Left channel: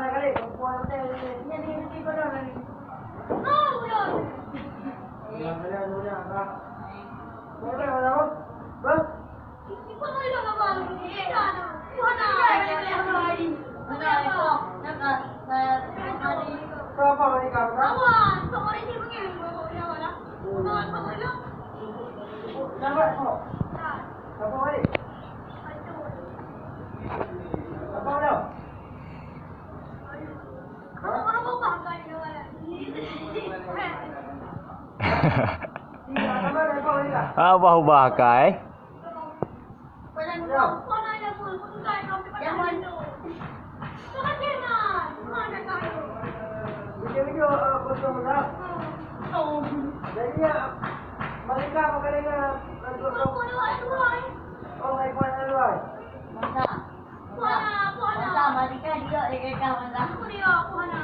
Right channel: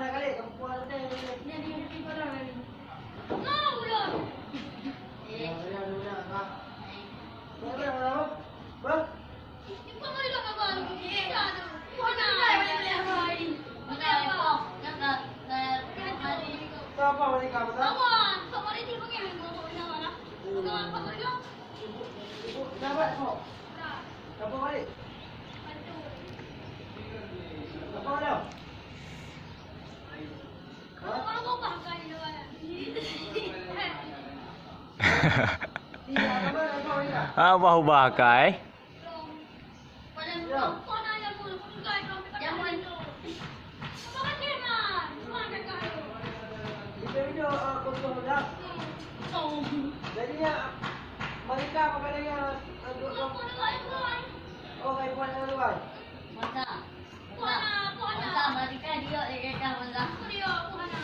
na kali. Kuha na tayo. Yan yung tipo na kali. No, yun. Kaya muna ka. Wala na mo. Ba? Ikaw mo rin ang abalo. Kuha na. Apa balik ka ba? Awan, sumari din mo ngayon. Wala, wala. Awan, sumari lang. Dapat mo. Apa balik? Apa daw? Ano ko ba kayo? Apa hubakai? Wala mo. Kuha na yan mo. Kung kaya kami patalo. Bakit yan na? Sumana kayo. Video gusto mo na. Oo. Jadi ya, mereka makanya yang Kuha na yan mo. oh ay buwan na lang. Kuha na. Kuha na. Kuha na. Masa, mari ka dia, Kuha na.